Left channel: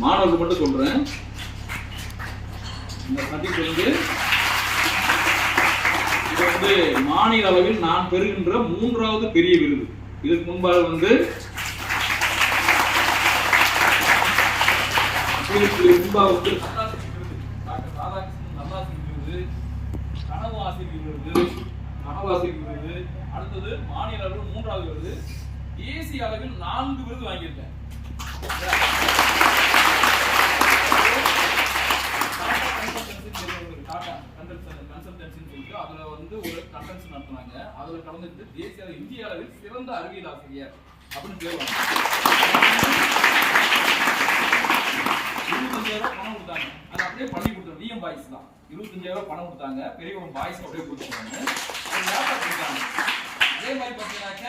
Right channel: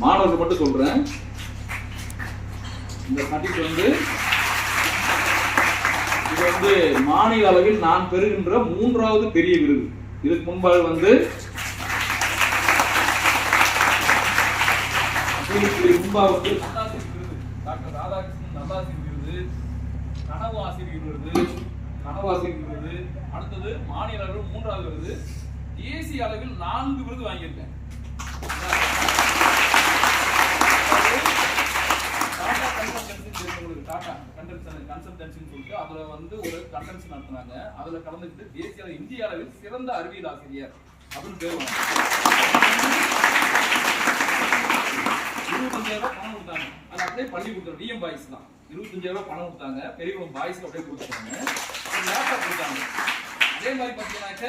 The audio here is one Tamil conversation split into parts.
மாணவர்கள் மட்டும் சொல்றேன். இந்த சர்டிபிகேட் வந்து இது வந்து மாநில அளவில் நான் பெறுகின்ற 3வது பெரிய விருது. இதுக்கு முன்பாக வந்து டாக்டர் ராதாகிருஷ்ணன் நல்லாசிரியர் விருது, கனவு ஆசிரியர் விருது, அடுத்தது மாநில அளவில் 3வது விருது, தேசிய அளவில் 4 விருது வாங்கியிருக்கேன். அதுல வந்து ஒரு கன்வென்ஷன் நடத்தினாங்க. அதுல கலந்துட்டு தேசிய இந்திய அளவில் சிறந்த அறிவியல் ஆசிரியர் அப்படின்னு பேர் வாங்க. 25,000 பணம் கொடுத்தாங்க. அது அப்படியே பள்ளி கொடுத்தாங்க. டிஎம் பாய்ஸ் தான் 25,000 பணம் கொடுத்தாங்க. பெரியகுளம் பாய்ஸ்க்கு அப்படியே கொடுத்தாங்க. ஒரு லேப்டாப் கொடுத்தாங்க. அதே மாதிரி பார்த்தீங்கன்னாக்க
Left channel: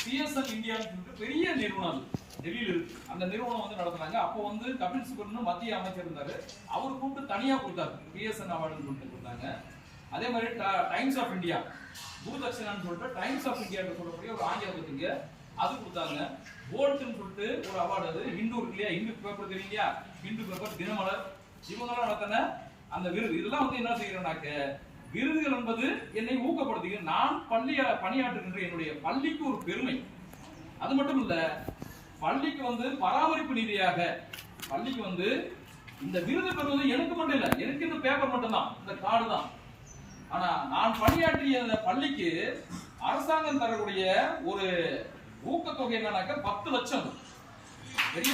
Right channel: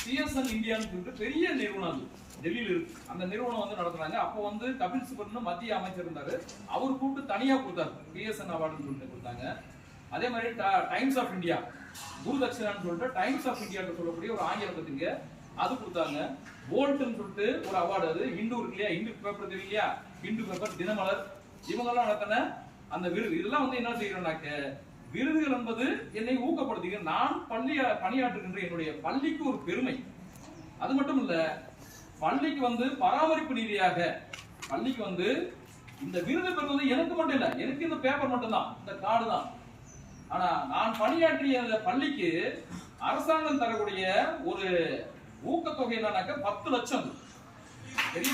சிஎஸ்என் இந்தியான்னு சொல்லிட்டு பெரிய நிறுவனம் டெல்லியில் இருக்கு. அந்த நிறுவனம் வந்து நடத்துனாங்க. அப்போ வந்து கபில் சிபல்னு மத்திய அமைச்சர் இருந்தாரு. அவர் கூப்பிட்டு தனியா கொடுத்தாரு. பிஎஸ்என் அவார்டுன்னு சொல்லிட்டு கொடுத்தாங்க. அதே மாதிரி டைம்ஸ் ஆஃப் இந்தியா குருதட்சணான்னு சொல்லிட்டு டைம்ஸ் ஆஃப் இந்தியா சொல்லக்கூடிய ஒரு ஆங்கில பத்திரிக்கை அது கொடுத்தாங்க. போல்ட்னு சொல்லிட்டு ஒரு அவார்டு, அது ஹிந்து இருக்கு இல்லையா, ஹிந்து பேப்பர் தெரியும் இல்லையா, ஹிந்து பேப்பர், தினமலர், இவங்கெல்லாம் நடத்தின அந்த விருது. இதெல்லாம் வந்து என்ன செய்யறேன்னாக்க விருதுகள் என்பது என்னை ஊக்கப்படுத்துங்க. நான் பணியாற்றுகின்ற என்னுடைய பள்ளிக்கு ஒரு பெருமை. அது மட்டும் இல்ல, பள்ளிக்கு வந்து பராமரிப்பு நிதியாக பள்ளிக்கு வந்து இந்த விருது பெறுவது எனக்கு மட்டும் இல்ல, எனக்கு இந்த பேப்பர் மட்டும் தான், இந்த கார்டு தான். ஆனா நான் பணியாற்றிய பள்ளிக்கு அரசாங்கம் தரக்கூடிய ஒரு ஊக்கத்தொகை என்னன்னாக்க 10 லட்சம். பெரிய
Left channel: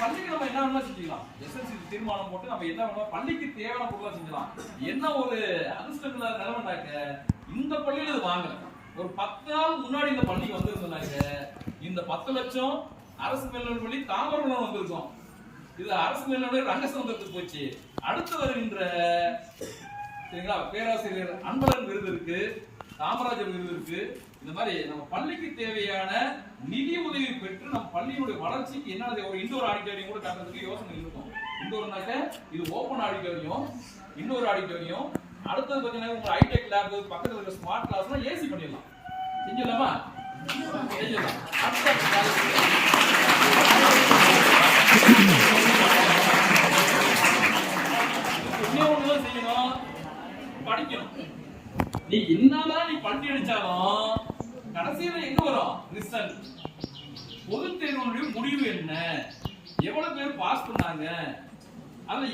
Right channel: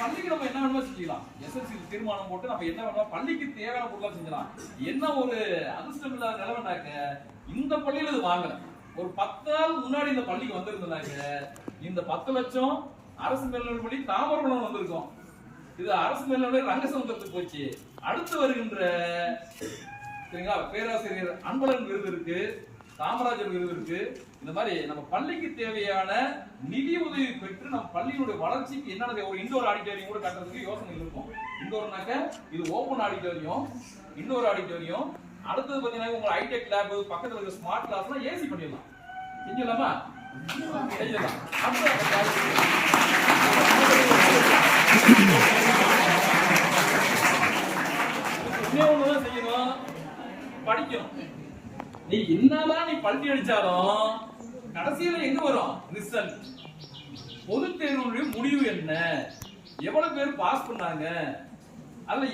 பள்ளிக்கு நம்ம என்ன வேணுமோ செஞ்சுக்கலாம். எஸ்எஸ்சி தீர்மானம் போட்டு நம்ம என்ன வேணுமோ பள்ளிக்கு தேவையான பொருளா செஞ்சலாம். என்ன ஒரு அதிர்ஷ்டம் இல்லாத நிலைமைனாக்க இந்த பள்ளியில இது வாங்கல. ஒரு 10 நாள் முன்னாடி இந்த பள்ளிக்கு வந்திருந்தாங்க. இந்த 10 லட்சம் அரசு மேல்நிலைப் பள்ளி தாமரகுளம் வந்திருக்கும். இது அரசு மேல்நிலைப் ரங்கசமுத்திரத்துக்கு போச்சு. அடுத்து வருகின்ற சரிங்களா பேராசிரியர் அன்பழகன் விருது இருக்கு, காமராஜர் விருது இருக்கு. இந்த மாதிரி நம்ம பள்ளிக்கு தேவையான நிதி உதவி பெற்று நம்ம பள்ளியினுடைய வளர்ச்சிக்கு என்னென்ன ஒரு இண்டோர் ஆடிட்டோரியம் கூட கட்டுறதுக்கு யோசனை இருக்கும். இண்டோர்னாக்க இது ஓபன் ஆடிட்டோரியம், இண்டோர் ஆடிட்டோரியம். அடுத்தது பார்த்தீங்கன்னா உங்க ஹைடெக் லேப் பக்கத்துல இருக்க ஸ்மார்ட் கிளாஸ்லாம் ஏசி பண்ணிடலாம். செஞ்சிடலாமா? செஞ்சிடலாம். ஒண்ணுதான் செய்யணும், படிக்கணும். நீ என்னதான் நீ பள்ளி அடிச்சாலும் கடைசியில எங்க வரும் ரிசல்ட். பொது தேர்வுடைய முடிவு என்ன, எவ்வளவு பேர் பாஸ் பண்ணாங்க, அதுல